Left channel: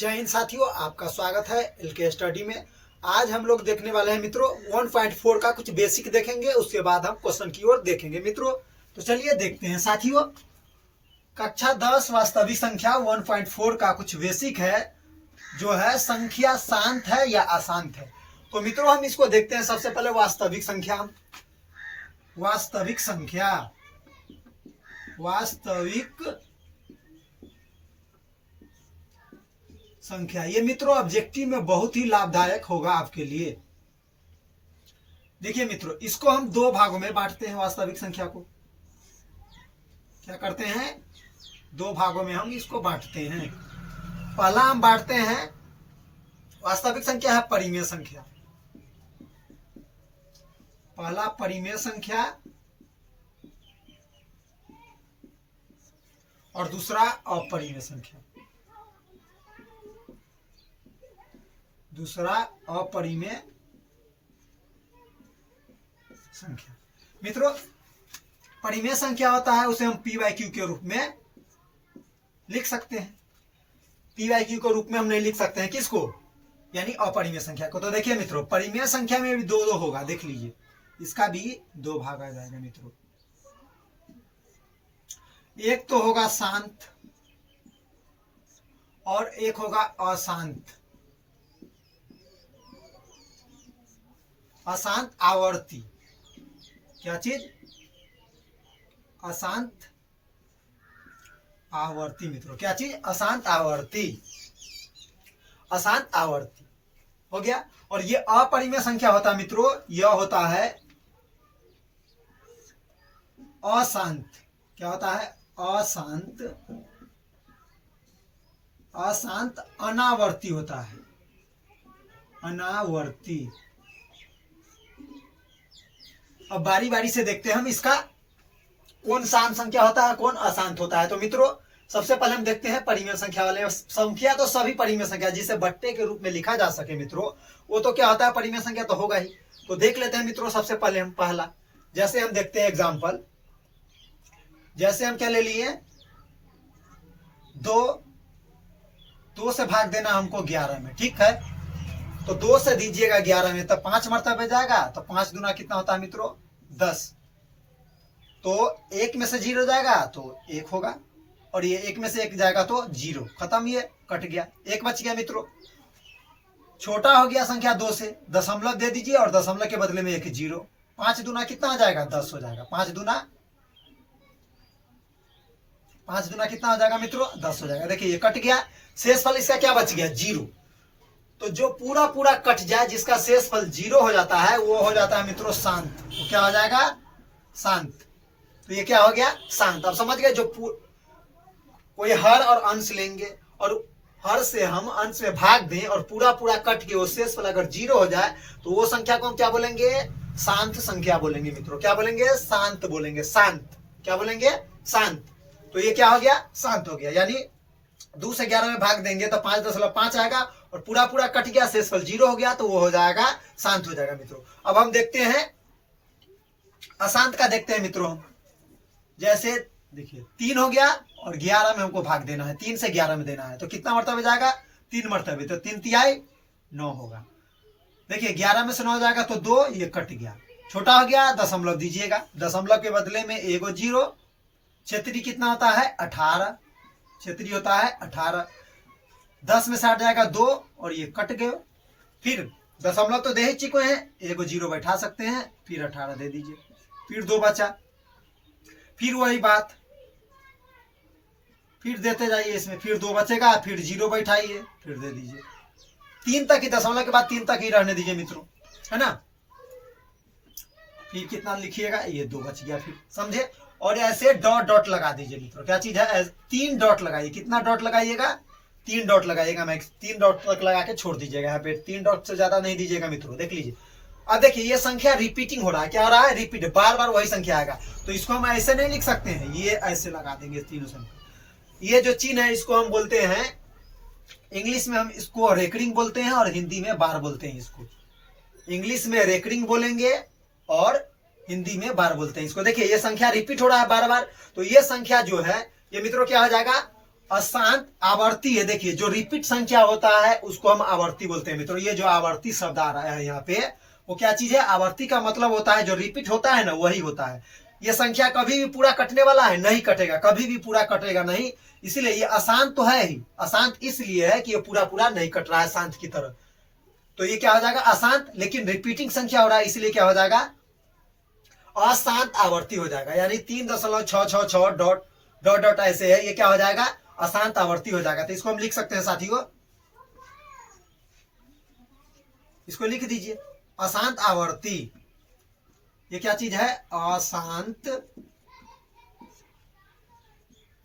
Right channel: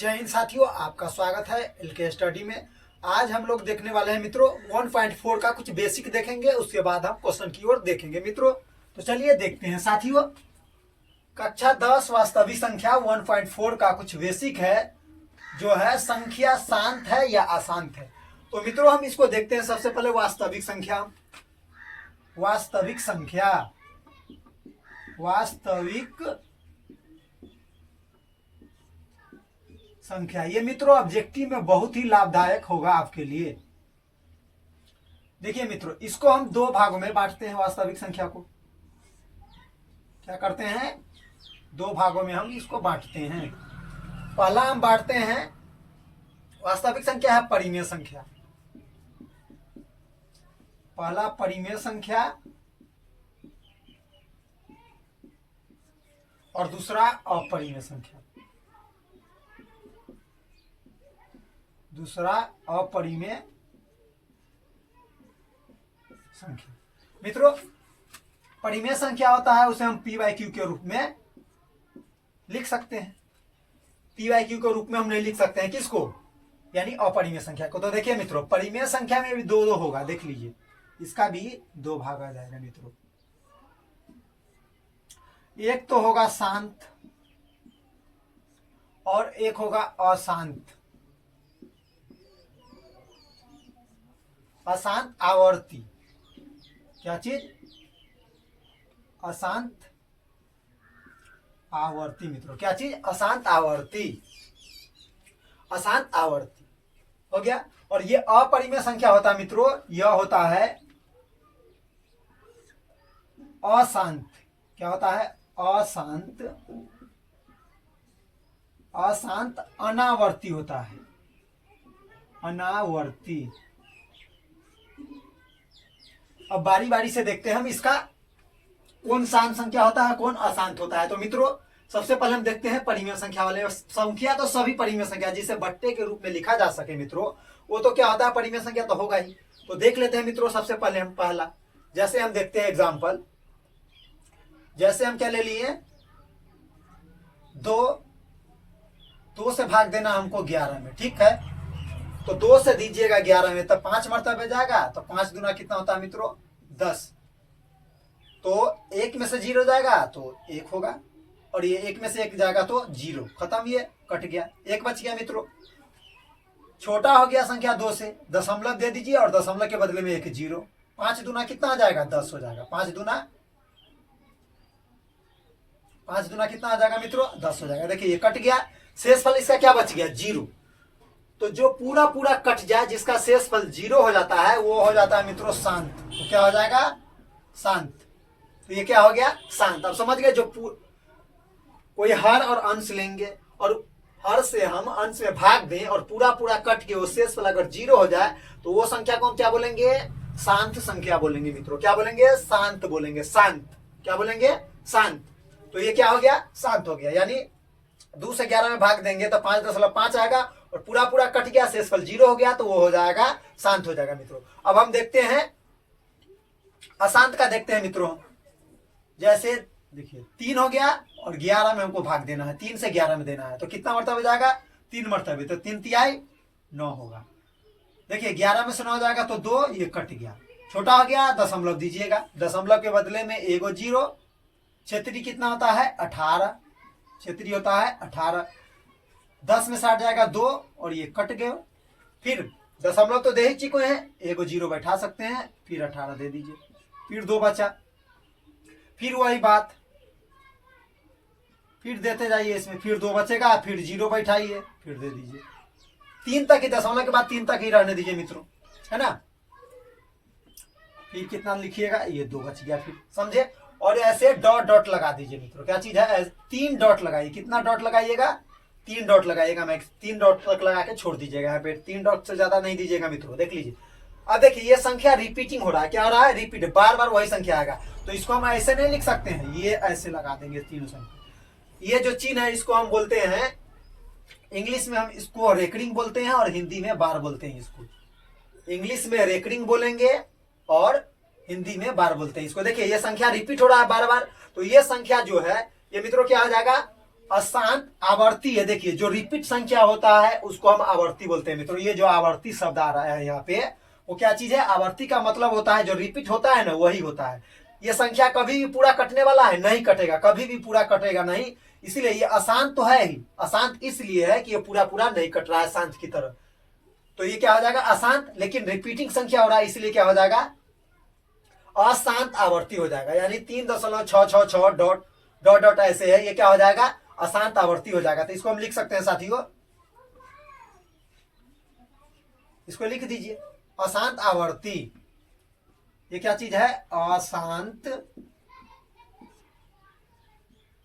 जय हिंद साथियों, आपका स्वागत है एलके स्टडी में। आज हम लोग देखने वाले हैं मित्रों 1.4 का कुछ बेसिक देखेंगे, उसके बाद हम क्वेश्चन की ओर देखेंगे मित्रों। तो चलिए देखते हैं साथियों। कक्षा 10 वास्तविक संख्या 1.4 का कुछ बेसिक है, जो है संख्या शांत है या अशांत है। तो मित्रों हम इसको देखते हैं। सबसे पहले वास्तविक संख्या, वास्तविक संख्या, वास्तविक संख्या, ये मित्रों ऑब्जेक्टिव में बहुत ही लाभदायक होगा आपके लिए। देखिए मित्रों, इसको हम दो भागों में बांटते हैं। वास्तविक संख्या को क्या करते हैं, दो भागों में हम इसको बांटते हैं। पहला हम बांटते हैं, वास्तविक संख्या है परिमेय संख्या। पहला परिमेय संख्या और दूसरा अपरिमेय संख्या। दूसरा अपरिमेय संख्या। मित्रों परिमेय संख्या होता है, उसे हम पी बाई क्यू के रूप में लिख सकते हैं। पी बाई क्यू के रूप में हम नहीं लिख सकते हैं किसको, यानी अपरिमेय संख्या को। तो देखिए मित्रों, परिमेय संख्या में भी दो दो होगा, देख लीजिए, इसका भी दो भाग आ जाएगा मित्रों। एक तो होगा शांत और एक होगा अशांत। अशांत आवर्ती, क्या चीज, अशांत आवर्ती मित्रों, क्या चीज, अशांत आवर्ती। अशांत आवर्ती हो गया। और ये अपरिमेय संख्या होता है मित्रों, यह होता है अशांत। क्या होता है, अशांत, अशांत अनावर्ती होता है, अनावर्ती। अब बारी बारी से देखते हैं हम इसका कौन शांत संख्या होता है, कौन अशांत होता है। तो मित्रों सबसे पहले हम देखते हैं परिमेय संख्या वाले। संख्या तो सभी परिमेय संख्या जिसे बट्टे के रूप में लिखा जा सके मित्रों, वो तो क्या होता है, परिमेय संख्या तो होगा ही। तो देख लेते हैं मित्रों। सबसे पहले हम पहला, जैसे हम देखते हैं एग्जाम्पल, जैसे हम क्या ले लिए, दो से भाग देना हमको 11 में, ठीक है। तो 2 से दीजिएगा 11 में, तब 5 मरतबे जाएगा। तो 5 दूना कितना होता है मित्रों, 10। तो 1 में से 0 जाएगा तो 1 होगा, और ये 1 में से 1 जाएगा तो 0, खत्म, ये कट गया, 1 बच गया मित्रों। छोटा हो गया संख्या 2 से, दशमलव दे दीजिए और दशमलव के बदले में 1 0। 5 दूना कितना आ जाएगा, 10 हो जाएगा। 5 दूना कितना आ जाएगा मित्रों, 10 हो जाएगा। देखिए ये कट गया, शेष फल इसका क्या बच गया, 0। तो जो पूरा पूरा कट जाए, जिसका शेष फल 0 हो जाता है, वो हो जाता है मित्रों शांत। तो क्या हो जाएगा, शांत। तो ये क्या हो गया, शांत। अब समझ गए, जो कोई हर और अंश लेंगे और हर से हम अंश में भाग दें और पूरा पूरा कट के वो शेष फल अगर 0 हो जाए, तो वो संख्या को हम क्या बोलेंगे, शांत संख्या बोलेंगे मित्रों। क्या बोलेंगे, शांत बोलेंगे, शांत। क्या बोलेंगे, शांत। तो ये क्या हो गया, शांत हो गया। यानी 2 से 11 में भाग देंगे तो 5.5 आएगा, और पूरा पूरा कट गया, शेषफल 0 हो गया, तो वो हो जाएगा, शांत हो जाएगा मित्रों। अब हम देखते हैं अशांत का, देखते हैं मित्रों। जैसे देखिए 3 हो गया और 11 में हमको भाग देना है, 3 से 11 में देना है, तो कितना मरतबे जाएगा, 3 मरतबे। तो 3 तिहाई 9 होगा। देखिए 11 में से 9 जाएगा तो 2, ये कट गया। छोटा हो गया, दशमलव दीजिएगा, दशमलव के बदले में 1 0। क्षेत्रीय कितना होता है, 18। क्षेत्रीय होता है 18। 10 में 60 जाएगा 2, और ये कट गए। फिर दशमलव तो दे ही चुके हैं, 1 0 बैठा सकते हैं, फिर 18 दे दीजिए, फिर 2 बचा। फिर वही बात, फिर देते जाइए इसमें, फिर 2 बचेगा, फिर 0 बैठाइए, फिर दे दीजिए। 3 तक ही, दशमलव के बाद 3 तक ही रहने दीजिए मित्रों, है ना। फिर कितना लिखिएगा, ये 2 बच गया, फिर समझे। और ऐसे डॉट डॉट लगा दीजिए मित्रों। क्या चीज है, 3 डॉट लगाइए। कितना डॉट लगाइएगा, 3 डॉट लगाइएगा। मैक्स 3 डॉट तक लगा के छोड़ दीजिएगा। यहाँ पे 3 डॉट से ज्यादा नहीं दीजिएगा मित्रों। देख लीजिए, अब देखिए ये संख्या रिपीटिंग हो रहा है। क्या हो रहा है, रिपीट, बार बार वही संख्या आएगा। तो इसको हम ऐसे नहीं लिख सकते हैं, ये ऐसे लगा देंगे तीनों संख्या। ये जो चिन्ह है इसको हम बोलते हैं, इंग्लिश में हम इसको रेकरिंग बोलते हैं और हिंदी में बार बोलते हैं। इसको इंग्लिश में रेकरिंग बोलेंगे और हिंदी में बार बोलते हैं इसको। देखिए ये संख्या रिपीट हो रहा है बार बार, तो ये संख्या जो है ये मित्रों क्या हो जाएगा, अशांत आवर्ती है। देखिए जो रिपीट संख्या होता है उसको हम आवर्ती बोलते हैं मित्रों। ये जो आवर्ती शब्द आ रहा है यहाँ पे वो क्या चीज है? आवर्ती का मतलब होता है जो रिपीट होता है ना वही होता है। ये संख्या कभी भी पूरा कटने वाला है नहीं, कटेगा, कभी भी पूरा कटेगा नहीं। इसीलिए ये अशांत तो है ही। अशांत इसलिए है कि ये पूरा पूरा नहीं कट रहा है शांत की तरह। तो ये क्या हो जाएगा? अशांत, लेकिन रिपीटिंग संख्या हो रहा है इसलिए क्या हो जाएगा? अशांत आवर्ती हो जाएगा। यानी 3.666 डॉट डॉट डॉट ऐसे है, ये क्या हो जाएगा? अशांत आवर्ती हो जाएगा। तो इसको हम लिख सकते हैं साथियों, इसको लिख दीजिए अशांत आवर्ती। ये क्या चीज है? अशांत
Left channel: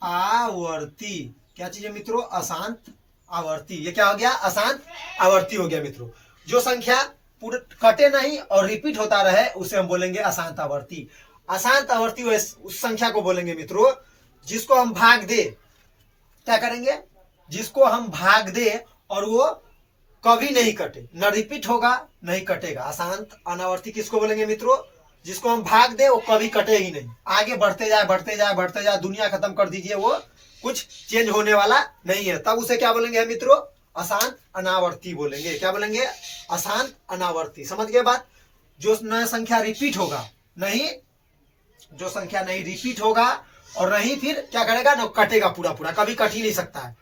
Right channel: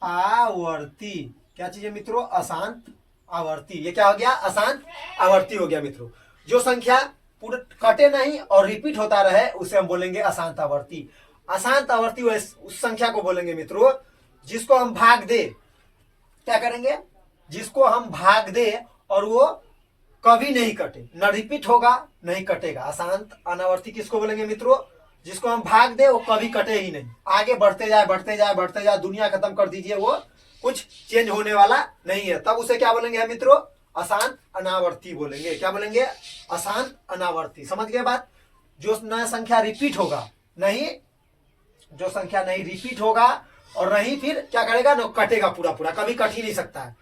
आवर्ती। क्या चीज है मित्रों? अशांत आवर्ती। ये क्या हो गया? अशांत आवर्ती हो गया मित्रों। जो संख्या पूरे कटे नहीं और रिपीट होता रहे उसे हम बोलेंगे अशांत आवर्ती। अशांत आवर्ती उस संख्या को बोलेंगे मित्रों जिसको हम भाग दे। क्या करेंगे? जिसको हम भाग दे और वो कभी नहीं कटे, न रिपीट होगा नहीं कटेगा। अशांत अनावर्ती किसको बोलेंगे मित्रों? जिसको हम भाग दे वो कभी कटे ही नहीं, आगे बढ़ते जाए बढ़ते जाए बढ़ते जाए, दुनिया खत्म कर दीजिए, वो कुछ चेंज होने वाला नहीं है, तब उसे क्या बोलेंगे मित्रों? अशांत अनावर्ती बोलेंगे। क्या बोलेंगे? अशांत अनावर्ती। समझ गए बात? जो नया संख्या रिपीट होगा नहीं, जो संख्या नहीं रिपीट होगा और नहीं फिर क्या करेगा? न कटेगा, पूरा पूरा कभी कट ही नहीं सकता है,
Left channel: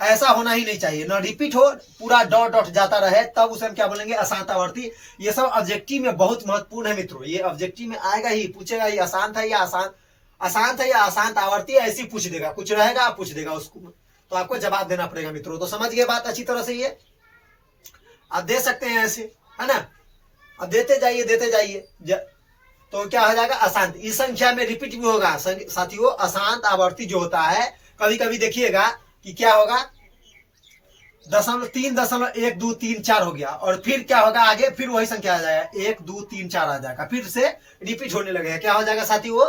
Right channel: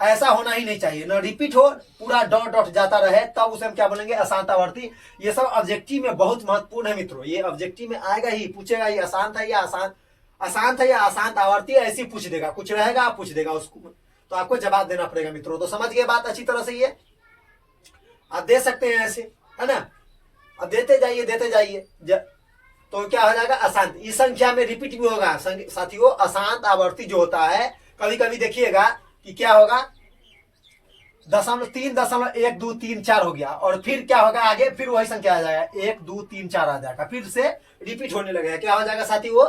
ऐसा होना ही नहीं चाहिए। न रिपीट हो, पूरा डॉट डॉट जाता रहे, तब उसे हम क्या बोलेंगे? अशांत आवर्ती। ये सब ऑब्जेक्टिव में बहुत महत्वपूर्ण है मित्रों। ये ऑब्जेक्टिव में आएगा ही, पूछेगा ही अशांत है या अशांत है या अशांत आवर्ती, ऐसी पूछ देगा, कुछ रहेगा पूछ देगा उसको, तो आपको जवाब देना पड़ेगा मित्रों। तो समझ गए बात अच्छी तरह से? ये आप दे सकते हैं ऐसे, है ना? अब देते जाइए देते जाइए, तो क्या हो जाएगा? अशांत। इस संख्या में रिपीट भी होगा साथियों। अशांत आवर्ती जो होता है कभी कभी देखिएगा कि क्या होगा? 3.123 हो गया और फिर क्या होगा? आगे फिर वही संख्या आ जाएगा, 1 2 3 4 आ जाएगा, फिर से रिपीट होने लगेगा। क्या हो जाएगा साथी? वो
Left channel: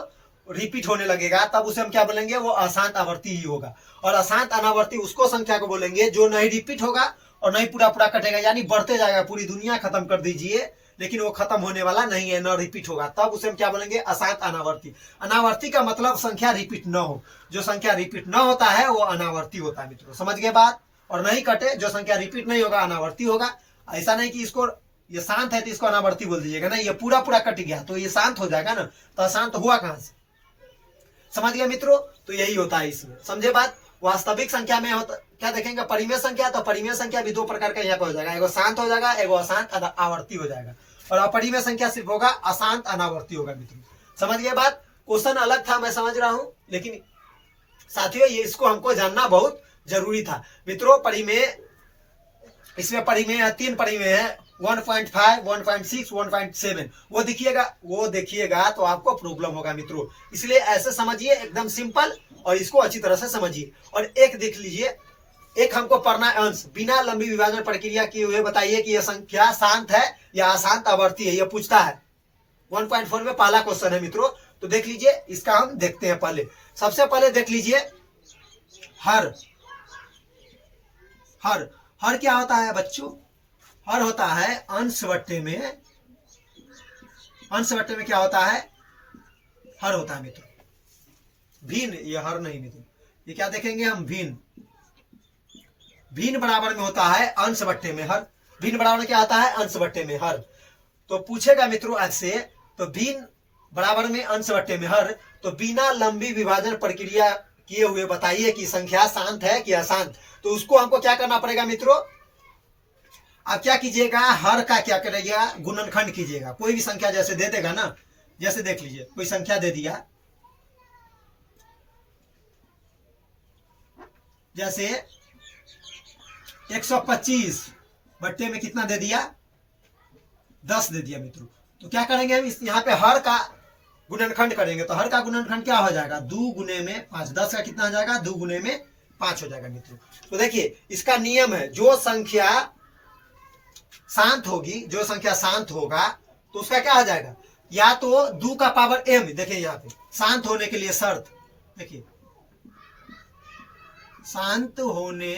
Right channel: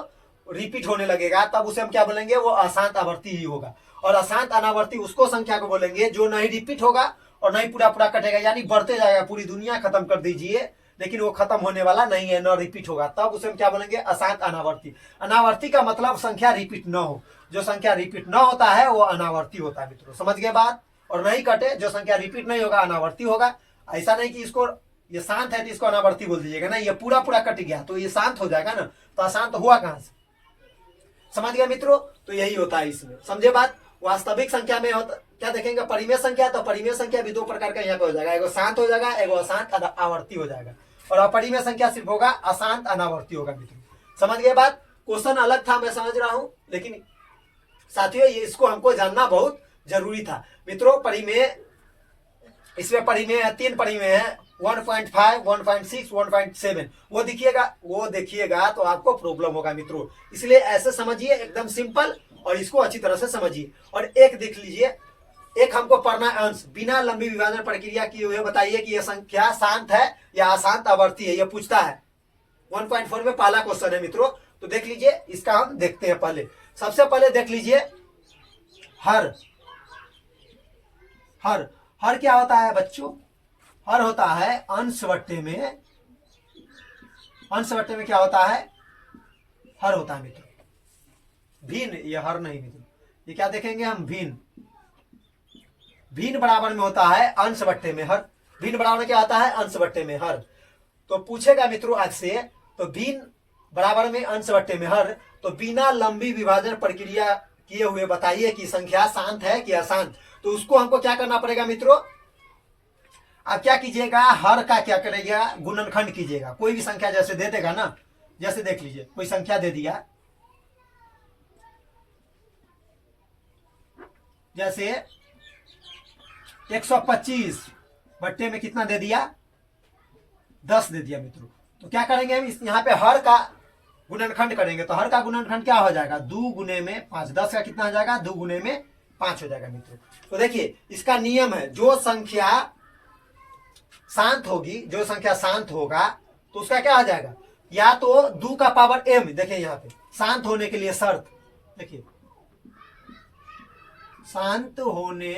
रिपीट होने लगेगा, तब उसे हम क्या बोलेंगे? वो अशांत आवर्ती ही होगा। और अशांत अनावर्ती उसको संख्या को बोलेंगे जो नहीं रिपीट होगा और नहीं पूरा पूरा कटेगा, यानी बढ़ते जाएगा, पूरी दुनिया खत्म कर दीजिए लेकिन वो खत्म होने वाला नहीं है, न रिपीट होगा, तब उसे हम क्या बोलेंगे? अशांत अनावर्ती। अनावर्ती का मतलब संख्या रिपीट न हो। जो संख्या रिपीट न होता है वो अनावर्ती होता है मित्रों। समझ गए बात? और नहीं कटे, जो संख्या रिपीट नहीं होगा अनावर्ती होगा। ऐसा नहीं कि इसको ये शांत है तो इसको अनावर्ती बोल दीजिएगा, ना, ये पूरा पूरा कट गया तो ये शांत हो जाएगा ना, तो अशांत हुआ कहां से? समझ गया मित्रों? तो यही होता है इसमें। समझे बात? वास्तविक संख्या में होता क्या देखेंगे? परिमेय संख्या। तो परिमेय संख्या भी दो प्रकार का यहाँ पे हो जाएगा, एगो शांत हो जाएगा, एगो अशांत आवर्ती हो जाएगा। और अपरिमेय संख्या सिर्फ होगा अशांत अनावर्ती होगा मित्रों। समझ गए बात? क्वेश्चन अलग था, मैं समझ रहा हूं, लेकिन साथियों ये इसको हमको जानना बहुत जरूरी था मित्रों। परिमेय, इसमें परिमेय है, 3 परिमेय है, 1.5, 1.6, 1.7। वो देखिएगा तो आपको प्रॉब्लम होगा मित्रों। इसलिए ऐसे समझिए, एकदम सिंपल, और इसको अच्छी तरह से समझिए। और एक देख लीजिए, एक हमको पढ़ना है अंश, बिना लंबी विभाजन प्रक्रिया किए हुए बताइए कि यह संख्या शांत है या अशांत आवर्ती है, यह पूछता है। 1.4 में पहला क्वेश्चन है मित्रों। तो देख लीजिए, इसका हम देखते हैं। पहले सबसे पहले देख लीजिए हर। हर क्या होता है बच्चों? हर होता है अंश बट्टे में, अंश बट्टे में क्या होता है? हर होता है मित्रों। भिन्न, ये हर नहीं मित्रों, ये क्या देखेंगे हम? भिन्न। भिन्न बराबर में होता है अंश बट्टे में हर। भिन्न बराबर में क्या होता है? अंश बट्टे में हर। तो पूछेगा मित्रों ऐसे, तो भिन्न बराबर में अंश बट्टे में हर, तो बिना लंबी विभाजन प्रक्रिया किए हुए बताइए कि संख्या शांत है कि अशांत। तो उसको हमको क्या करना पड़ेगा मित्रों? आप क्या कीजिएगा? हर का क्या करेगा? गुणनखंड कीजिएगा। कोई भी संख्या जैसे दे देगा ना, जैसे देख लीजिए कोई संख्या दे दिया, जैसे 125 बट्टे में कितना दे दिया? 10 दे दिया मित्रों। तो क्या करेंगे हम? यहाँ पे हर का गुणनखंड करेंगे। तो हर का गुणनखंड क्या हो जाएगा? 2 गुने में 5। 10 का कितना हो जाएगा? 2 गुने में 5 हो जाएगा मित्रों। तो देखिए इसका नियम है, जो संख्या शांत होगी, जो संख्या शांत होगा तो उसका क्या हो जाएगा? या तो 2 का पावर m। देखिए यहाँ पे शांत होने के लिए शर्त, देखिए शांत होने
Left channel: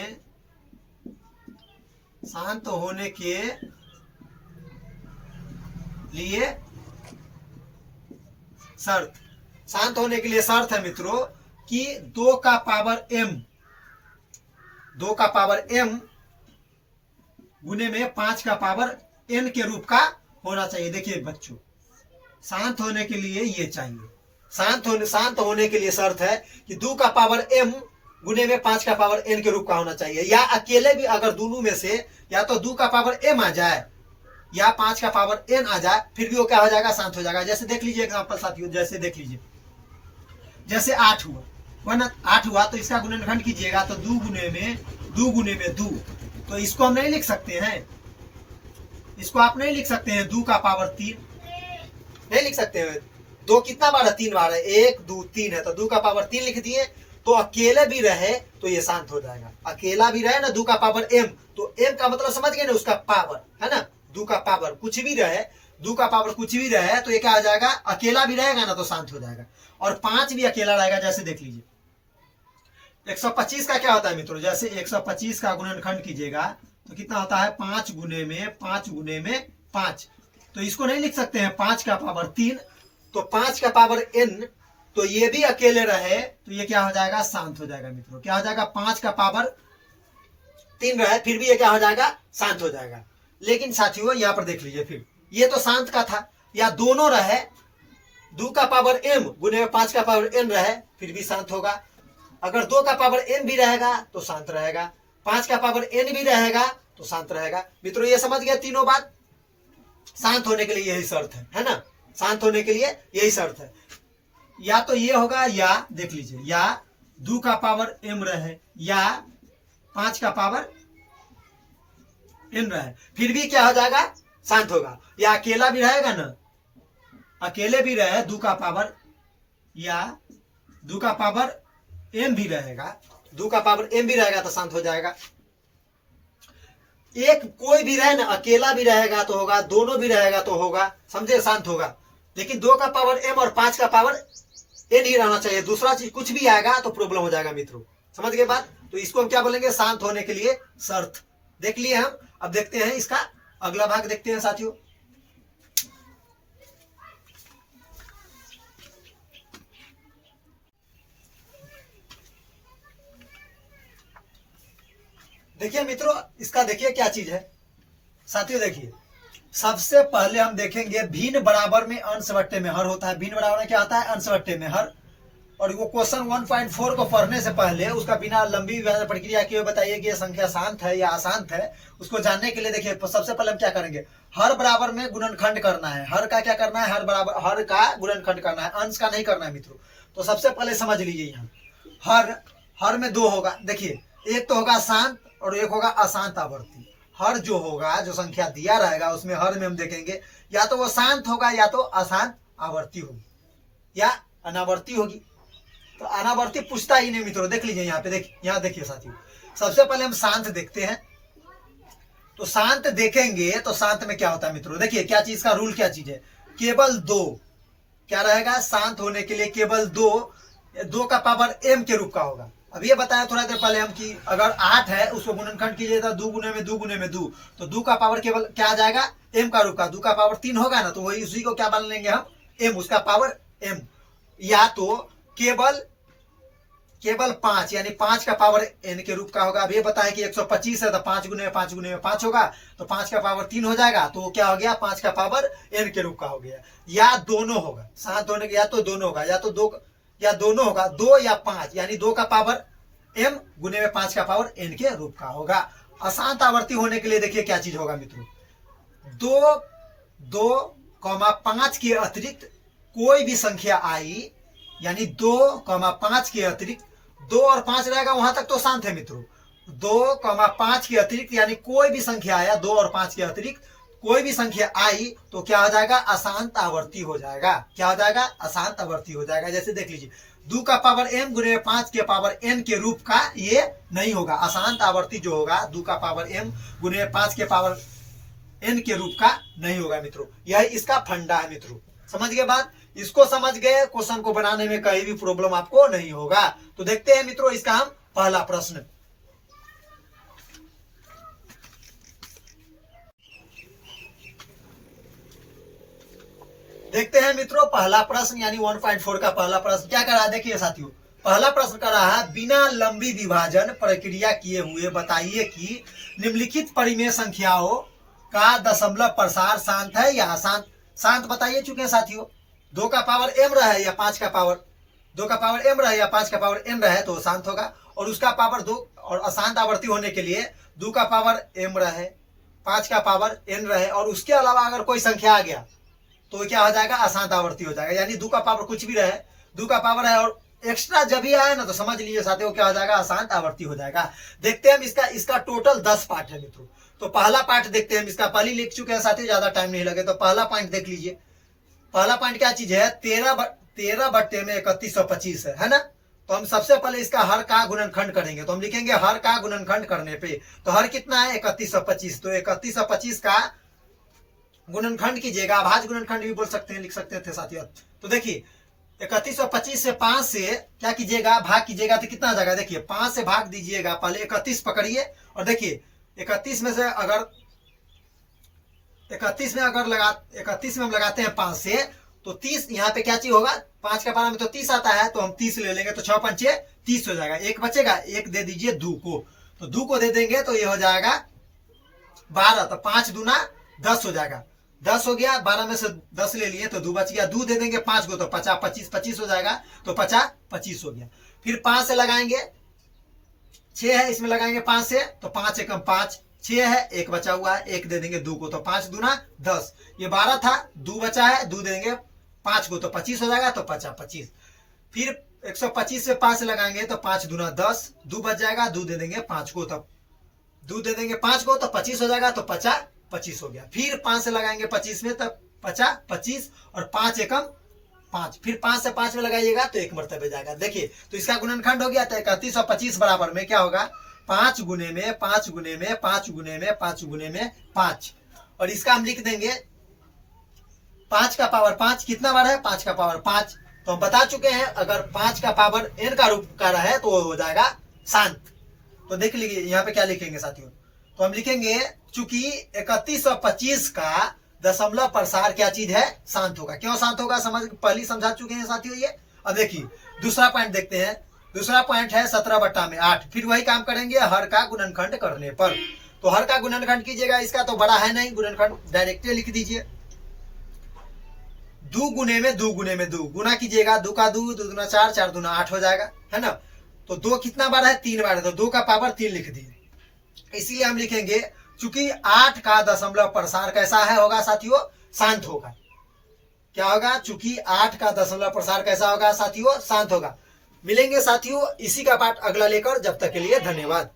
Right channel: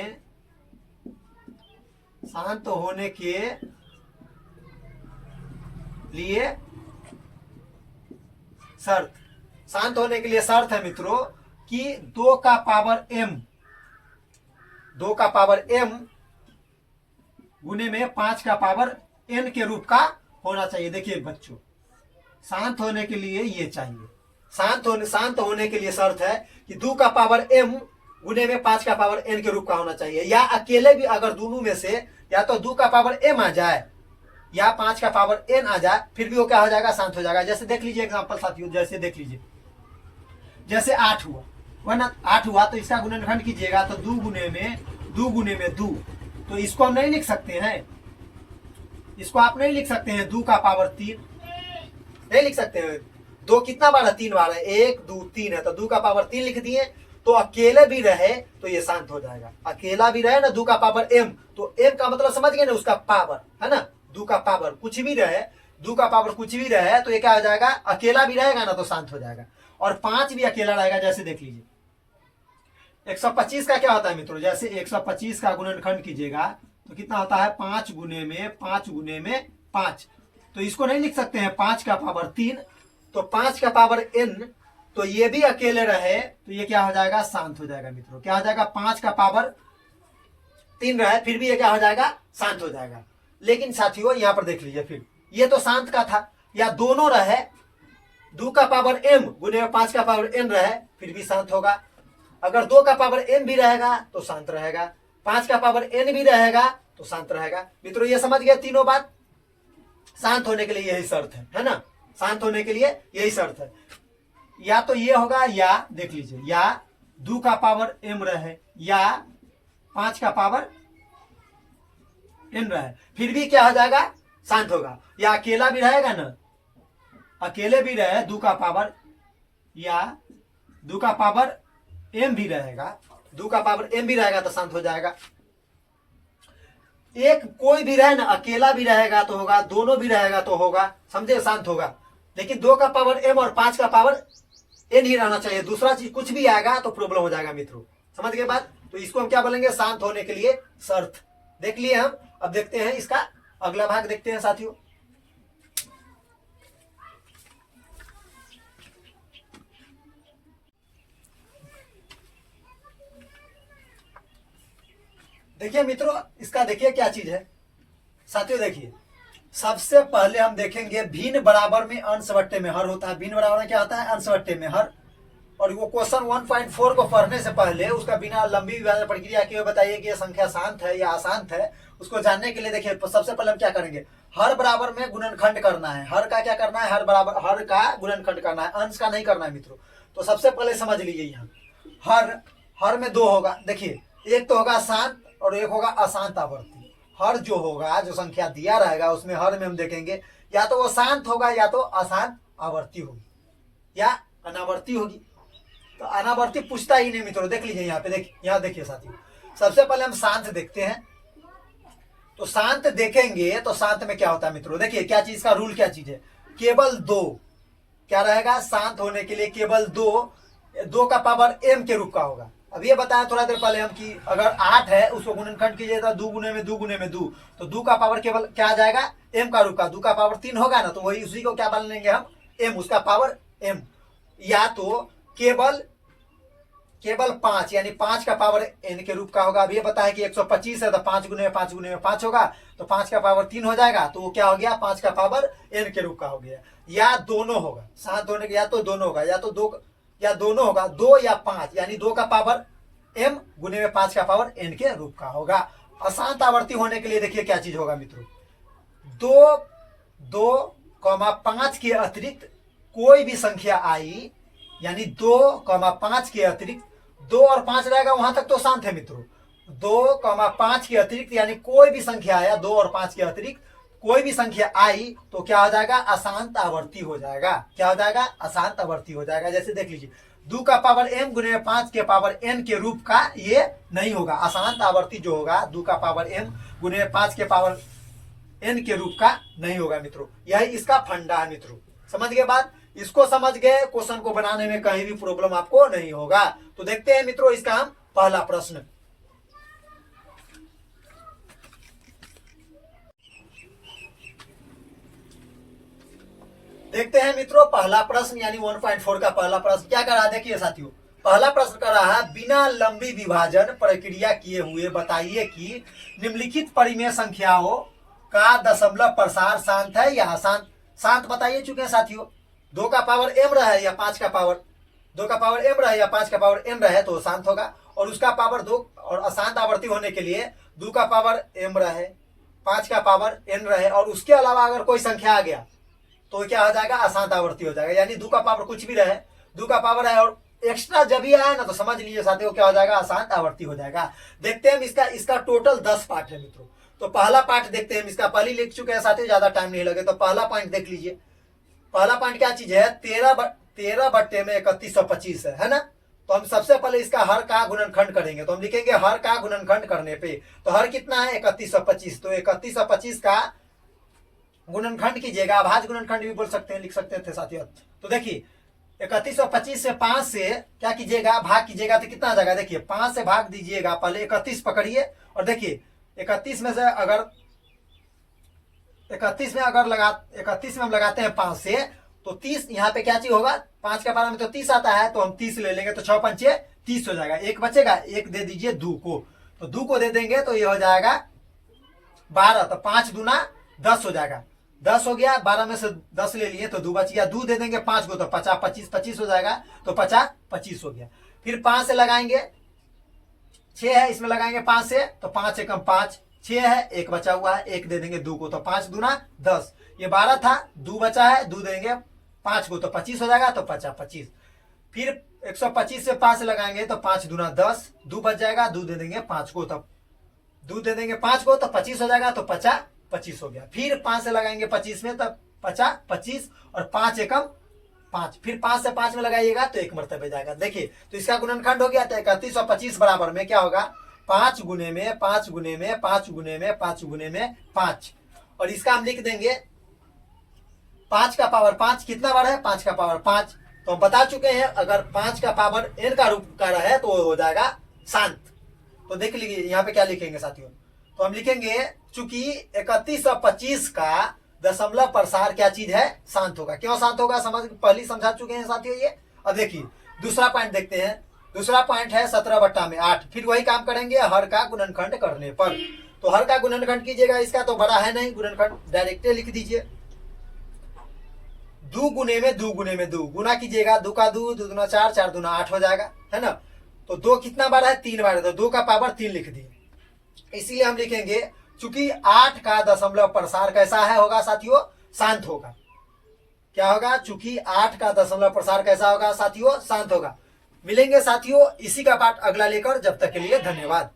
के लिए शर्त, शांत होने के लिए शर्त है मित्रों कि 2 का पावर m 2 का पावर m गुने में 5 का पावर n के रूप का होना चाहिए। देखिए बच्चों, शांत होने के लिए ये चाहिए, शांत होने के लिए शर्त है कि 2 का पावर m गुने में 5 का पावर n के रूप का होना चाहिए, या अकेले भी अगर दोनों में से या तो 2 का पावर m आ जाए या 5 का पावर n आ जाए, फिर भी वो क्या हो जाएगा, शांत हो जाएगा। जैसे देख लीजिए एग्जांपल साथियों, जैसे देख लीजिए, जैसे 8 हुआ ना, 8 हुआ तो इसका गुणनखंड कीजिएगा तो 2 गुने में 2, तो इसको हम नहीं लिख सकते हैं, इसको आप नहीं लिख सकते हैं 2 का पावर 3, नहीं लिख सकते हैं। 2 कितना बार है, 3 बार है, 1 2 3 है, तो 2 का पावर 3 लिख दिए, तो अकेले भी रहे तो ये शांत हो जाएगा। अकेला भी रहे ना 2 का पावर m, तो m का मतलब समझ गए ना, उसका पावर है ना, 2 का पावर कुछ भी रहे, 2 का पावर कुछ भी रहे तो ये क्या हो जाएगा, अकेला भी रहेगा ना तो शांत हो जाएगा। और 5 भी अकेला रहेगा। जैसे देख लीजिए 125 का क्या होता है मित्रों, जैसे 125 का गुणनखंड कीजिएगा तो कितना होता है, 5 गुने में 5, तो इसको नहीं लिख सकते हैं 5 का पावर 3, तो 5 का पावर n, तो ये भी अकेले रहे तो ये क्या हो जाएगा, शांत हो जाएगा मित्रों। क्या हो जाएगा, 5 का पावर 3 रहे फिर भी ये क्या हो जाएगा, शांत हो जाएगा। लेकिन साथियों यहाँ पर देख लीजिए, फिर ये तो शांत का था, या दोनों रहे 2 का पावर m गुने में 5 का पावर n रहे फिर भी शांत होगा। अगर 2 का पावर n भी रहेगा तो शांत रहेगा, 5 का पावर n भी रहेगा तो शांत रहेगा। मित्रों ये समझ गए तीनों बात। शांत होने के लिए यही शर्त है ना, शांत होने के लिए यही शर्त है। या तो ये होगा, या देख लीजिए, या 2 का पावर m रहे या 5 का पावर n रहे फिर भी क्या हो जाएगा, शांत होगा। या अकेला भी रहेगा ना, अकेले भी रहे 2 का पावर, या 2 का पावर m भी रहेगा, 2 का पावर m भी रहेगा तो शांत हो जाएगा। एक कोई भी रहे ना, अकेला भी रहेगा तो होगा, दोनों भी रहेगा तो होगा, समझे, शांत होगा। लेकिन 2 का पावर m और 5 का पावर n ही रहना चाहिए, दूसरा चीज कुछ भी आएगा तो प्रॉब्लम हो जाएगा मित्रों। समझ गए बात, तो इसको हम क्या बोलेंगे, शांत होने के लिए शर्त। देख लिए हम, अब देखते हैं इसका अगला भाग देखते हैं साथियों। देखिए मित्रों, इसका देखिए क्या चीज है साथियों। देखिए सबसे पहले हम देखेंगे भिन्न बराबर में अंश बट्टे में हर होता है। भिन्न बराबर में क्या होता है, अंश बट्टे में हर। और वो क्वेश्चन 1.4 को पढ़ने से पहले उसका बिना लंबी प्रक्रिया किए बताइए कि ये संख्या शांत है या अशांत है, उसको जानने के लिए देखिए सबसे पहले हम क्या करेंगे, हर बराबर में गुणनखंड करना है। हर का क्या करना है, हर बराबर, हर का गुणनखंड करना है, अंश का नहीं करना है मित्रों। तो सबसे पहले समझ लीजिए, यहाँ हर में 2 होगा। देखिए एक तो होगा शांत और एक होगा अशांत आवर्ती। हर जो होगा, जो संख्या दिया रहेगा उसमें हर में हम देखेंगे या तो वो शांत होगा या तो अशांत आवर्ती होगी या अनावर्ती होगी। तो अनावर्ती पूछता ही नहीं मित्रों। देख लीजिए यहाँ पे, यहाँ देखिए साथियों, सबसे पहले हम शांत देखते हैं। तो शांत देखेंगे तो शांत में क्या होता है मित्रों, देखिए क्या चीज का रूल, क्या चीज है, केवल 2 क्या रहेगा, शांत होने के लिए केवल 2 का पावर m के रूप का होगा। अब ये बताया थोड़ा देर पहले हम कि अगर 8 है उसको गुणनखंड कीजिए तो 2 गुने में 2 गुने में 2, तो 2 का पावर केवल क्या आ जाएगा, m का रूप का। 2 का पावर 3 होगा ना, तो वही उसी को क्या मान लेंगे हम, m, उसका पावर m। या तो केवल 5 यानी 5 का पावर n के रूप का होगा। अब ये बताया कि 125 है तो 5 गुने में 5 गुने में 5 होगा, तो 5 का पावर 3 हो जाएगा, तो वो क्या हो गया, 5 का पावर n के रूप का हो गया। या दोनों होगा, साथ होने के, या तो दोनों होगा, या तो 2 या दोनों होगा, 2 या 5 यानी 2 का पावर m गुने में 5 का पावर n के रूप का होगा। अशांत आवर्ती होने के लिए देखिए क्या चीज होगा मित्रों, 2,5 के अतिरिक्त कोई भी संख्या आई, यानी 2,5 के अतिरिक्त 2 और 5 रहेगा वहां तक तो शांत है मित्रों। 2,5 के अतिरिक्त यानी कोई भी संख्या आया, 2 और 5 के अतिरिक्त कोई भी संख्या आई तो क्या हो जाएगा, अशांत आवर्ती हो जाएगा। क्या हो जाएगा, अशांत आवर्ती हो जाएगा। जैसे देख लीजिए 2 का पावर m गुने 5 के पावर n के रूप का ये नहीं होगा। अशांत आवर्ती जो होगा 2 का पावर m गुने 5 के पावर n के रूप का नहीं होगा मित्रों। यही इसका फंडा है मित्रों। समझ गए बात, इसको समझ गए, क्वेश्चन को बनाने में कहीं भी प्रॉब्लम आपको नहीं होगा। तो देखते हैं मित्रों इसका हम पहला प्रश्न। देखते हैं मित्रों पहला प्रश्न यानी 1.4 का पहला प्रश्न क्या करा, देखिए साथियों पहला प्रश्न कर रहा है, बिना लंबी विभाजन प्रक्रिया किए हुए बताइए कि निम्नलिखित परिमेय संख्याओं का दशमलव प्रसार शांत है या अशांत। शांत बताइए चुके हैं साथियों, 2 का पावर m रहे या 5 का पावर 2 का पावर m रहे या 5 का पावर n रहे तो शांत होगा, और उसका पावर 2 और अशांत आवर्ती होने के लिए 2 का पावर m रहे 5 का पावर n रहे और उसके अलावा अगर कोई संख्या आ गया तो क्या हो जाएगा, अशांत आवर्ती हो जाएगा। यानी 2 का पावर कुछ भी रहे, 2 का पावर है और एक्स्ट्रा जब भी आया ना तो समझ लीजिए साथियों क्या हो जाएगा, अशांत आवर्ती हो जाएगा। देखते हैं हम इसका टोटल 10 पार्ट है मित्रों। तो पहला पार्ट देखते हैं हम, इसका पहले लिख चुके हैं साथियों, ज्यादा टाइम नहीं लगे। तो पहला पॉइंट देख लीजिए, पहला पॉइंट क्या चीज है, 13 बट्टे में 3125 है ना। तो हम सबसे पहले इसका हर का गुणनखंड करेंगे, तो हम लिखेंगे हर का गुणनखंड करने पे, तो हर कितना है 3125, तो 3125 का गुणनखंड कीजिएगा, अभाज्य गुणनखंड भी बोल सकते हैं, लिख सकते थे साथियों। तो देखिए 3125 से 5 से क्या कीजिएगा, भाग कीजिएगा तो कितना आ जाएगा, देखिए 5 से भाग दीजिएगा, पहले 31 पकड़िए और देखिए 31 में से अगर 31 में हम लगाते हैं 5 से तो 30, यहाँ पे क्या चीज होगा, 5 का पारा में तो 30 आता है, तो हम 30 ले लेंगे तो 6 पंचे 30 हो जाएगा। एक बचेगा, एक दे दीजिए 2 को, तो 2 को दे देंगे तो ये हो जाएगा 12, तो 5 दूना 10 हो जाएगा, 10 हो गया, 12 में से 10 ले लिए तो 2 बच गया, 2 दे देंगे 5 को तो 50 25 25 हो जाएगा, तो 50 25 हो गया। फिर 5 से लगाएंगे, 6 है इसमें लगाएंगे 5 से, तो 5 एकम 5, 6 है, एक बचा हुआ है, एक दे देंगे 2 को, तो 5 दूना 10, ये 12 था, 2 बचा है, 2 देंगे 5 को तो 25 हो जाएगा, तो 50 25। फिर 125 से 5 लगाएंगे तो 5 दूना 10, 2 बच जाएगा, 2 दे देंगे 5 को, तब 2 दे देंगे 5 को तो 25 हो जाएगा, तो 50 25 हो गया। फिर 5 से लगाएंगे 25 में, तब 50 25 और 5 एकम 5, फिर 5 से 5 में लगाइएगा तो 1 मरतबे जाएगा। देखिए तो इसका गुणनखंड हो गया, तो 31 और 25 बराबर में क्या होगा, 5 गुने में 5 गुने में 5 गुने में 5 गुने में 5, और इसका हम लिख देंगे 5 का पावर 5 कितना बार है, 5 का पावर 5। तो हम बता चुके हैं अगर 5 का पावर n का रूप का है तो वो हो जाएगा शांत। तो देख लीजिए यहाँ पे क्या लिखेंगे साथियों, तो हम लिखेंगे चूंकि 31 और 25 का दशमलव प्रसार क्या चीज है, शांत होगा। क्यों शांत होगा, पहले समझा चुके हैं साथियों ये। अब देखिए दूसरा पॉइंट देखते हैं, दूसरा पॉइंट है 17 बट्टा में 8। फिर वही काम करेंगे हर का गुणनखंड करने पर, तो हर का गुणनखंड कीजिएगा, इसका तो बड़ा है नहीं गुणनखंड, डायरेक्ट लिख दीजिए, 2 गुने में 2 गुने में 2 गुना कीजिएगा, 2 का 2, 2 दूना 4, 4 दूना 8 हो जाएगा, है ना। तो 2 कितना बार है, 3 बार है, तो 2 का पावर 3 लिख दिए। इसीलिए हम लिखेंगे चूंकि 8 का दशमलव प्रसार कैसा है होगा साथियों, शांत होगा। क्या होगा, चूंकि 8 का दशमलव प्रसार कैसा होगा साथियों, शांत होगा। मिलेंगे साथियों इसी का पाठ अगला लेकर, जब तक के लिए धन्यवाद।